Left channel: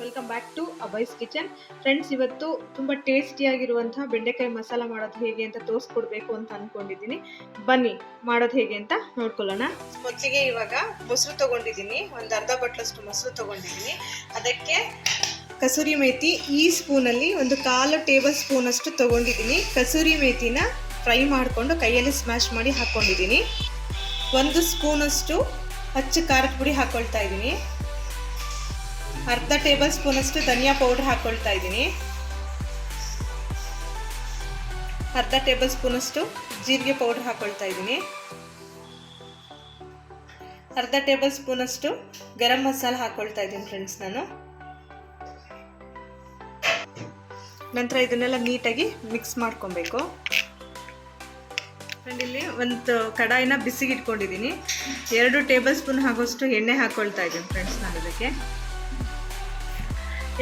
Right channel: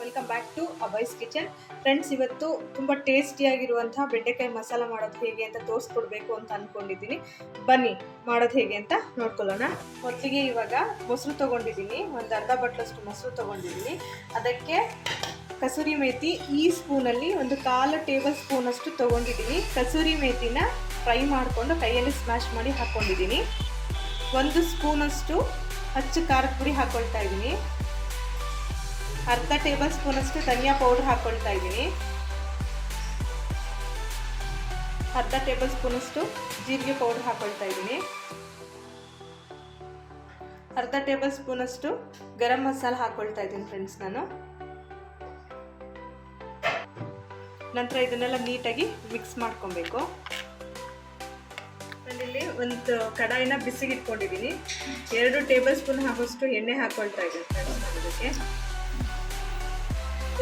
Welcome back to ಅಬೈಸ್ kitchen friends ಇವತ್ತು ತುಂಬ ಟೇಸ್ಟಿಯಾಗಿರುವಂತಹ ಬೆಂಡೆಕಾಯಿ ಮಸಾಲ ಮಾಡೋದು ಹೇಗೆ ಅಂತ ತೋರಿಸ್ಕೊಡ್ಬೇಕು ಅಂತ ಅಂದ್ಕೊಂಡಿದ್ದೀನಿ ಬನ್ನಿ, ಮಾಡೋದು ಹೇಗೆ ಅಂತ ನೋಡ್ಕೊಳ್ಳೋಣ. ಮೊದಲಿಗೆ ಇವಾಗ ಮೊಸರು ತೊಗೊಂಡಿದ್ದೀನಿ. ಒಂದು ಅರ್ಧ ಬಟ್ಲಷ್ಟು ಮೊಸರು ತೊಗೊಂಡಿದ್ದೀನಿ. ಅದಕ್ಕೆ ಕಸೂರಿ ಮೇಥಿ ಈ ಸ್ಪೂನಲ್ಲಿ ಒಂದು ಕಾಲು ಟೇಬಲ್ ಸ್ಪೂನಷ್ಟು ತೊಗೊಂಡಿದ್ದೀನಿ. ಕಸೂರಿ ಮೇಥಿನ ಫ್ರೈ ಮಾಡಿಕೊಂಡು ಕೈಯಲ್ಲಿ ಸ್ಮ್ಯಾಶ್ ಮಾಡಿ ಹಾಕ್ಕೊಂಡಿದ್ದೀನಿ ಒಂದು ಸ್ಪೂನಷ್ಟು ಹಚ್ಚು ಖಾರದ ಪುಡಿ ಹಾಕ್ಕೊಳ್ತಾ ಇದ್ದೀನಿ. ಅರ್ಧ ಟೇಬಲ್ ಸ್ಪೂನಷ್ಟು ಧನಿಯಾ ಪೌಡರ್ ಹಾಕೊಳ್ತಾ ಇದ್ದೀನಿ. ಅರ್ಧ ಟೇಬಲ್ ಸ್ಪೂನಷ್ಟು ಜೀರಿಗೆ ಪೌಡರ್ ಹಾಕೊಳ್ತಾ ಇದ್ದೀನಿ. ಅರ್ಧ ಟೇಬಲ್ ಸ್ಪೂನಷ್ಟು ಗರಂ ಮಸಾಲ ಹಾಕ್ಕೊಳ್ತಾ ಇದ್ದೀನಿ ಫ್ರೆಂಡ್ಸ್ ನಾನು. ನಂತರ ಇದನ್ನೆಲ್ಲ ನೀಟಾಗಿ ಮಿಕ್ಸ್ ಮಾಡ್ಕೊಬೇಕು. ಇಲ್ಲಿ ಒಂದು ಕಡಾಯಿನ ಬಿಸಿಗೆ ಇಟ್ಕೊಂಡಿದ್ದೀನಿ ಎರಡು ಟೇಬಲ್ ಸ್ಪೂನ್ ಆಗೋಷ್ಟು ಎಣ್ಣೆ ಹಾಕ್ಕೊಳ್ತಾ ಇದ್ದೀನಿ ಫ್ರೆಂಡ್ಸ್ ನಾನು ಇದಕ್ಕೆ.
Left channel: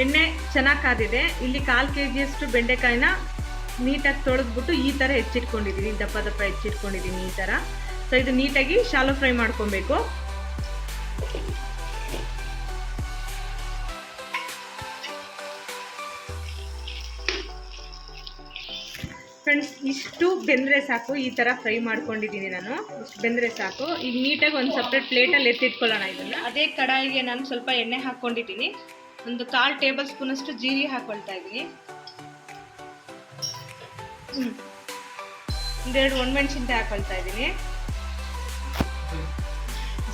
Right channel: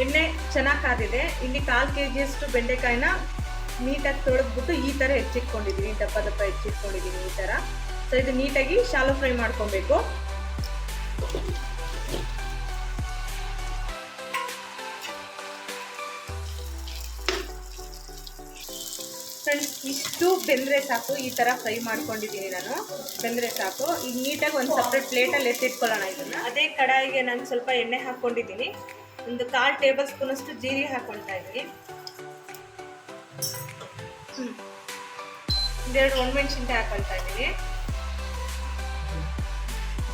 ಎಣ್ಣೆ ಚೆನ್ನಾಗಿ ಕಾದಿದೆ. ಇಲ್ಲಿ ಕಾಲು ಕೆ ಜಿಯಷ್ಟು ಬೆಂಡೆಕಾಯಿನ ನೀಟಾಗಿ ತೊಳೆದ್ಬಿಟ್ಟು ಈ ಥರ ಹೆಚ್ಚಿಟ್ಕೊಂಡಿದ್ದೀನಿ ದಪ್ಪ ದಪ್ಪ ಹೆಚ್ಚಿಟ್ಕೊಂಡಿದ್ದೀನಿ ಈ ಥರ ಸೊ ಇದು ನೀಟಾಗಿ ಶಾಲೋ ಫ್ರೈ ಮಾಡ್ಕೊಬೇಕು. ಫ್ರೆಂಡ್ಸ್ ಇಷ್ಟು ಬೆಂದರೆ ಸಾಕು. ಈ ಥರ ಫ್ರೈ ಮಾಡ್ಕೊಂಡಿದ್ದೀನಿ ನಾನು. ಬೆಂದರೆ ಸಾಕು. ಈಗ ನೀಟಾಗಿ ಒಂದು ಸಪ್ರೇಟ್ ಪ್ಲೇಟಲ್ಲಿ ಎತ್ತಿಟ್ಕೊಳ್ಳೋಣ ಇದನ್ನು. ಅದೇ ಕಡಾಯಿಗೆ ನಾನು ಸ್ವಲ್ಪ ಎಣ್ಣೆ ಹಾಕ್ಕೊಂಡಿದ್ದೀನಿ ಒಂದು ಕಾಲು ಟೇಬಲ್ ಸ್ಪೂನಷ್ಟು ಜೀರಿಗೆ ಹಾಕ್ಕೊಳ್ತಾ ಇದ್ದೀನಿ. ಒಂದೆರಡು ಒಣಮೆಣ್ಸಿನ್ಕಾಯಿ ಹಾಕ್ಕೊಳ್ತಾ ಇದ್ದೀನಿ.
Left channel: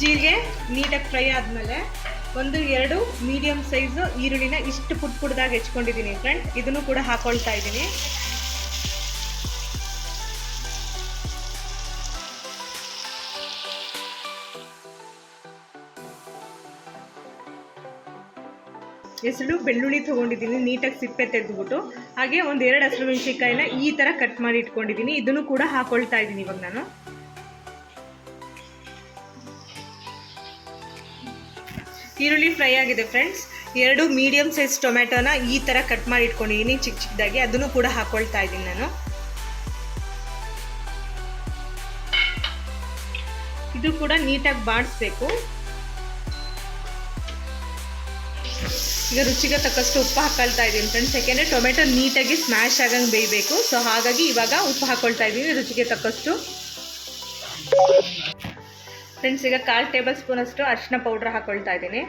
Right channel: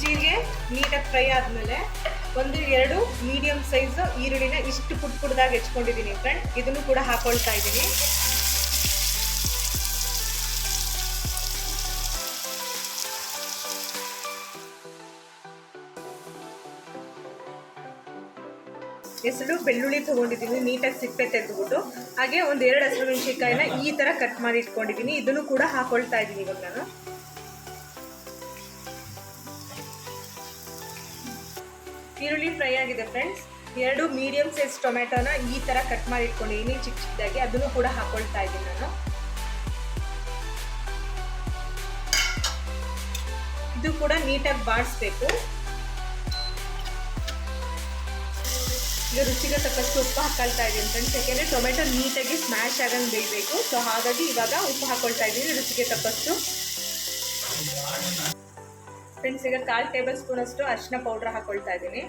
ಜೀರಿಗೆ ನೀಟಾಗಿ ಫ್ರೈ ಆದಮೇಲೆ ಒಂದು ಎರಡು ಮೀಡಿಯಂ ಸೈಜ್ ಈರುಳ್ಳಿನ ಇಷ್ಟು ಪುಟ್ ಪುಟ್ದಾಗಿ ಹೆಚ್ಕೊಂಡಿದ್ದೀನಿ ಫ್ರೆಂಡ್. ಇದನ್ನು ಕೂಡ ಹಾಕ್ಕೊಳ್ತಾ ಇದ್ದೀನಿ. ಹೆಸರು ಬೆಳ್ಳುಳ್ಳಿ ತೊಗೊಂಡಿದ್ದೀನಿ, ನೀಟಾಗಿ ಸಿಪ್ಪೆ ತೆಗೆದುಬಿಟ್ಟು. ಹಾಗೆ ಒಂದು ಎರಡು ಹಸಿರು ಮೆಣಸಿನ್ಕಾಯಿನ ಈ ಥರ ಕಟ್ ಮಾಡಿ ಇಟ್ಕೊಂಡಿದ್ದೀನಿ. ಇದನ್ನು ಕೂಡ ಹಾಕೊಳ್ತಾ ಇದ್ದೀನಿ ಇವಾಗ ನಾನು. ಈರುಳ್ಳಿ ಫ್ರೈ ಆಗಿದೆ ಫ್ರೆಂಡ್ಸ್. ಎರಡು ಮೀಡಿಯಂ ಸೈಜ್ ಟೊಮೆಟೊನ ಈ ಥರ ಕಟ್ ಮಾಡಿ ಇಟ್ಕೊಂಡಿದ್ದೀನಿ ಚಿಕ್ಕ ಚಿಕ್ಕದಾಗಿ ಅದನ್ನು ಕೂಡ ಹಾಕೊಳ್ತಾ ಇದ್ದೀನಿ ನಾನು. ಇದು ಕೂಡ ನೀಟಾಗಿ ಬಾಡಿಸ್ಬೇಕು. ಈಗ ರುಚಿಗೆ ತಕ್ಕಷ್ಟು ಉಪ್ಪು ಹಾಕೊಳ್ತಾ ಇದ್ದೀನಿ ಫ್ರೆಂಡ್ಸ್ ಯಾಕೆಂದರೆ ಟೊಮೆಟೊ ನೀಟಾಗಿ ಸ್ಮ್ಯಾಶ್ ಆಗಂಗೆ ಬೇಯಬೇಕು. ಸೊ ಹಾಗಾಗಿ ಇವಾಗ ಉಪ್ಪು ಹಾಕೊಳ್ತಾ ಇದ್ದೀನಿ ರುಚಿಗೆ ತಕ್ಕಷ್ಟು. ಫ್ರೆಂಡ್ಸ್ ಈಗ ಕಾಲು ಟೇಬಲ್ ಸ್ಪೂನಷ್ಟು ಅರಿಶಿನ ಪೌಡ್ರ್ ಹಾಕೊಳ್ತಾ ಇದ್ದೀನಿ.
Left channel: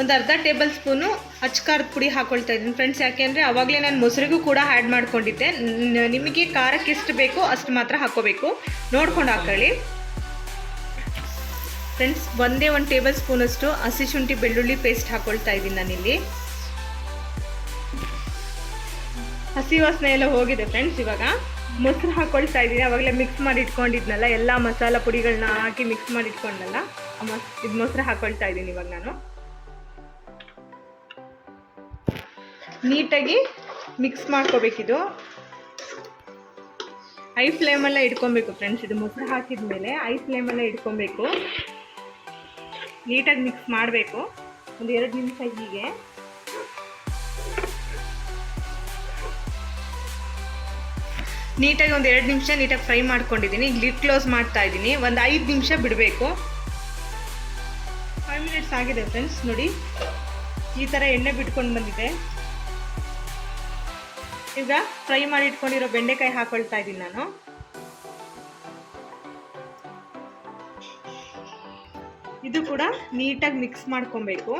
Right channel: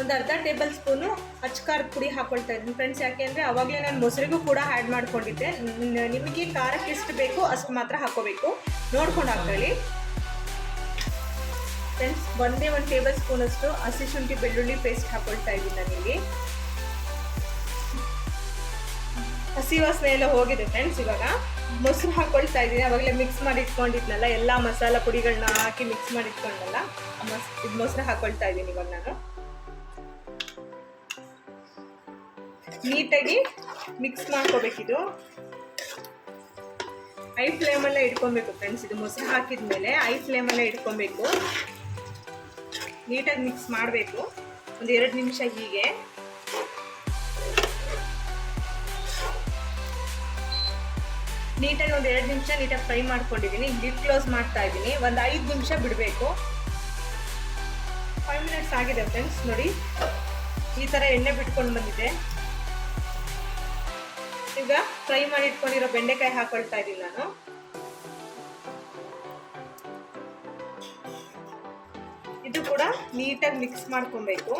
ಒಂದು ಅರ್ಧ ಟೇಬಲ್ ಸ್ಪೂನು ಅಚ್ಕಾರದ ಪುಡಿ ಹಾಕೊಳ್ತಾ ಇದ್ದೀನಿ ಫ್ರೆಂಡ್ಸ್ ಯಾಕೆಂದರೆ ಅವಾಗಲೇ ನಾನು ಮೊಸರಿಗೂ ಕೂಡ ಆ್ಯಡ್ ಮಾಡ್ಕೊಂಡಿದ್ದೆ. ನಿಮಗೆ ಖಾರಕ್ಕೆ ಎಷ್ಟು ಬೇಕು ಅಷ್ಟು ಮಾತ್ರ ಹಾಕೋಬೇಕು. ನೋಡ್ಕೊಂಡು ಹಾಕೊಳ್ಳಿ. ಫ್ರೆಂಡ್ಸ್, ಒಂದೇ ಒಂದು ಟೇಬಲ್ ಸ್ಪೂನಷ್ಟು ಹಸಿ ಶುಂಠಿ ಬೆಳ್ಳುಳ್ಳಿ ಪೇಸ್ಟ್ ಹಾಕೊಳ್ತಾ ಇದ್ದೀನಿ ನಾನಿಲ್ಲಿ. ಹಸಿ ವಾಸನೆ ಎಲ್ಲ ಹೋಗಿದೆ ಫ್ರೆಂಡ್ಸ್ ಇವಾಗ. ಮೊಸರು ಹಾಕೊಳ್ತಾ ಇದ್ದೀನಿ. ಅವಾಗಲೇ ಮಿಕ್ಸ್ ಮಾಡಿ ಇಟ್ಕೊಂಡಿದ್ನಲ್ಲ, ಎಲ್ಲ ಮಸಾಲ ಪುಡಿಗಳನ್ನ ಹಾಕಿ ಮಿಕ್ಸ್ ಮಾಡಿ ಇಟ್ಕೊಂಡಲ್ಲ ಇದು ಮೊಸರು ಹಾಕೊಳ್ತಾ ಇದ್ದೀನಿ ಇವಾಗ ನಾನು. ನೀಟಾಗಿ ಮಿಕ್ಸ್ ಮಾಡ್ಕೋಬೇಕಿದು. ಐ ಫ್ಲೇಮಲ್ಲೇ ಇಟ್ಕೊಬೇಕು ಫ್ರೆಂಡ್ಸ್, ಇದು ಮೊಸರು ಹಾಕಿದ್ಮೇಲೆ ಐ ಫ್ಲೇಮಲ್ಲೇ ಇಟ್ಕೊಬೇಕು. ನೀಟಾಗಿ ಮಿಕ್ಸ್ ಮಾಡಬೇಕು. ಒಂದು ಎರಡು ನಿಮಿಷ ಹೀಗೆ. ನೀಟಾಗಿ ಒಂದು ಎರಡು ನಿಮಿಷ ನೀಟಾಗಿ ಫ್ರೈ ಮಾಡ್ಕೊಂಡಿದ್ದೀನಿ. ಲಿಡ್ ಕ್ಲೋಸ್ ಮಾಡ್ತಾ ಇದ್ದೀನಿ. ಒಂದು ಐದು ನಿಮಿಷ ಬಿಡಬೇಕು. ಫೈವ್ ಮಿನಿಟ್ಸ್ ಆಗಿದೆ ಫ್ರೆಂಡ್ಸ್, ನೋಡಿ. ಈ ಥರ ಎಣ್ಣೆ ಬಿಟ್ಕೊಂಡು ಬಂದಿದೆ. ಈಗ ಫ್ರೈ ಮಾಡಿ ಇಟ್ಕೊಂಡಿರೋ ಬೆಂಡೆಕಾಯಿ ಹಾಕೊಳ್ತಾ ಇದ್ದೀನಿ ನಾನು. ಇದು ಕೂಡ ನೀಟಾಗಿ ಮಿಕ್ಸ್ ಮಾಡ್ಕೊಬೇಕು.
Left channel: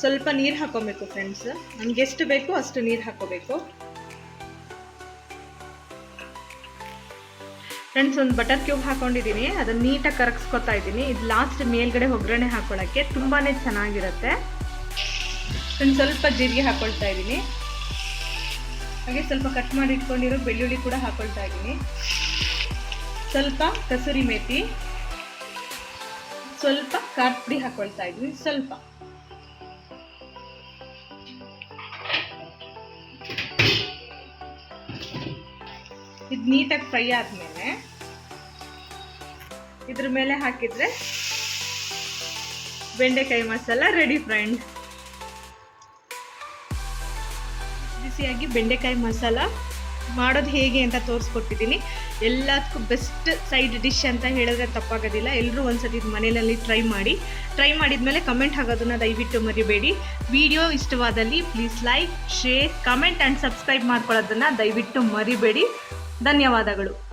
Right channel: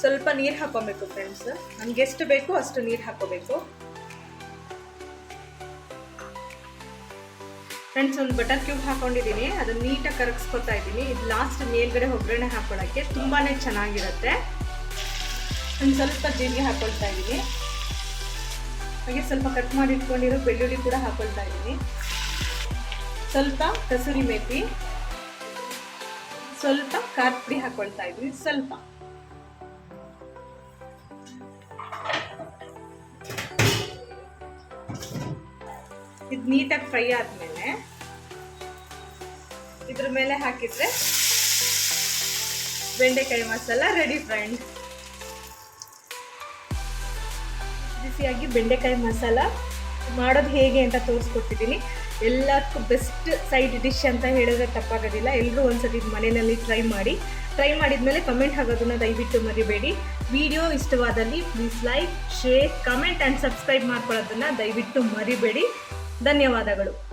ಸ್ವಲ್ಪ ನೀರು ಹಾಕೋಬೇಕು ಫ್ರೆಂಡ್ಸ್ ನಮ್ಗೆ ಎಷ್ಟು ಬೇಕು ಅಷ್ಟು ನೀರು ಹಾಕೋಬೇಕು. ಫ್ರೆಂಡ್ಸ್ ಒಂದು ಬಟರ್ ಕ್ಯೂಬ್ ಹಾಕೊಂಡಿದ್ದೀನಿ ಅದನ್ನ ನೀಟಾಗಿ ಕರಗಿಸ್ಕೊತಾ ಇದ್ದೀನಿ. ಇದು ಲಾಸ್ಟ್ ಮೇಲ್ಗಡೆ ಒಗ್ಗರಣೆ ಹಾಕೊಳ್ಳೋಕ್ಕೆ ತುಂಬಾ ಚೆನ್ನಾಗಿರುತ್ತೆ. ಫ್ರೆಂಡ್ಸ್ ಸ್ವಲ್ಪ ಜೀರಿಗೆ ಹಾಕೊಳ್ತಾ ಇದ್ದೀನಿ. ಹಾಗೆ ಸ್ವಲ್ಪ ಕಟ್ ಮಾಡಿ ಇಟ್ಕೊಂಡಿರೋ ಬೆಳ್ಳುಳ್ಳಿ ಕೂಡ ಹಾಕೊಳ್ತಾ ಇದ್ದೀನಿ. ಸ್ವಲ್ಪ ಕಸೂರಿ ಮೇಥಿ ಸ್ವಲ್ಪ ಖಾರದ ಪುಡಿ ಹಾಕೊಳ್ತಾ ಇದ್ವಿ, ಸ್ವಲ್ಪ. ಇದು ನೀಟಾಗಿ ಫ್ರೈ ಆದಮೇಲೆ ಇದ್ರ ಮೇಲೆ ಹಾಕಿದ್ರೆ ಬೆಂಡೆಕಾಯಿ ಮಸಾಲ ರೆಡಿ ಫ್ರೆಂಡ್. ಬಿಸಿಯಾಗಿ ಬೆಂಡೆಕಾಯಿ ಮಸಾಲ ಮಾಡೋದು ಹೇಗೆ ಅಂತ ತೋರಿಸ್ಕೊಟ್ಟಿದ್ದೀನಿ. ಎಲ್ಲದಕ್ಕೂ ಬೆಸ್ಟ್ ಸೈಡ್ ಡಿಶ್ ಅಂತ ಹೇಳಿದ್ರೆ ತಪ್ಪಾಗೋದಿಲ್ಲ. ಎಲ್ಲರೂ ಒಂದ್ಸತಿ ಇದು ಮನೆಯಲ್ಲಿ ಟ್ರೈ ಮಾಡಿ. ಟ್ರೈ ಮಾಡಿದ್ಮೇಲೆ ಕಮೆಂಟ್ ಆಗೋದನ್ನ ದಯವಿಟ್ಟು ಮರಿಬೇಡಿ. ವಿಡಿಯೋ ಇಷ್ಟವಾದಲ್ಲಿ please like share comment and subscribe ಮಾಡ್ಕೊಳ್ಳೋದನ್ನ ದಯವಿಟ್ಟು ಮರಿಬೇಡಿ. ಧನ್ಯವಾದಗಳು.